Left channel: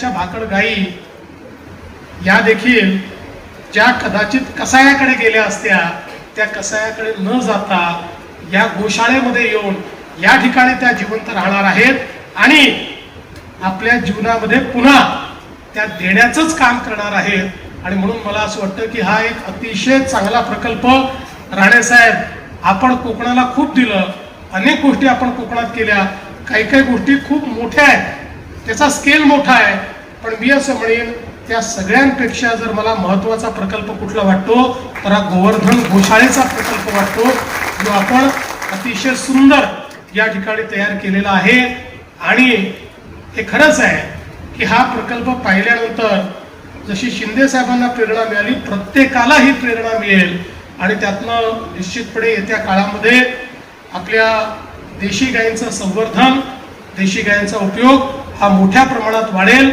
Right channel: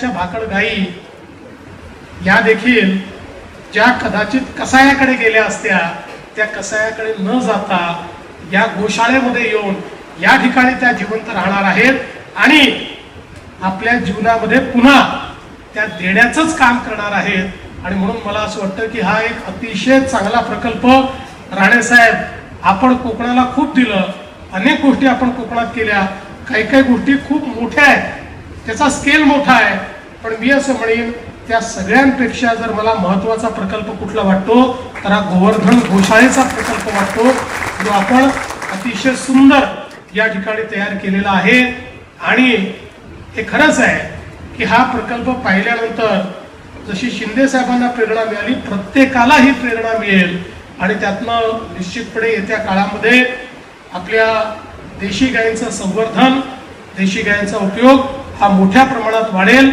दुधाच्या भाकड गायी या देखील ज्या कदाचित कसायाकडे गेल्या असत्या त्या कसायाकडे न जाता या गोशाळेमध्ये येऊन या ठिकाणी त्या जिवंत राहणार आहेत आणि आपल्या जीवनामध्ये पुन्हा त्या देण्याचंच काम करणार आहेत। आणि म्हणून मला असं वाटतं की हा एक अतिशय चांगला प्रकल्प राणेसाहेब, आपण कोकणाला खूप दिलं, अनेक गोष्टी आपण कोकणात केल्या, काही काही गोष्टी खूप मोठ्या आहेत, त्याचा स्केल मोठा आहे, पण मी असं म्हणेन त्या सगळ्यांपेक्षा जर मला महत्वाचा प्रकल्प कुठला वाटतो तर हा गोवर्धन गोशाळेचा प्रकल्प वाटतो जो आपण अतिशय सुंदर या ठिकाणी तयार केलेला आहे। आणि हे खरंच आहे की हा प्रकल्प पाहिल्यानंतर जशी शिंदे साहेबांना प्रेरणा मिळाली प्रत्येकाला ही प्रेरणा मिळेल आणि त्यातनं निश्चितपणे येत्या काळामध्ये आपल्या देशी गायींचं संवर्धन, देशी गायींचा उपयोग हा मोठ्या प्रमाणात वाढेल।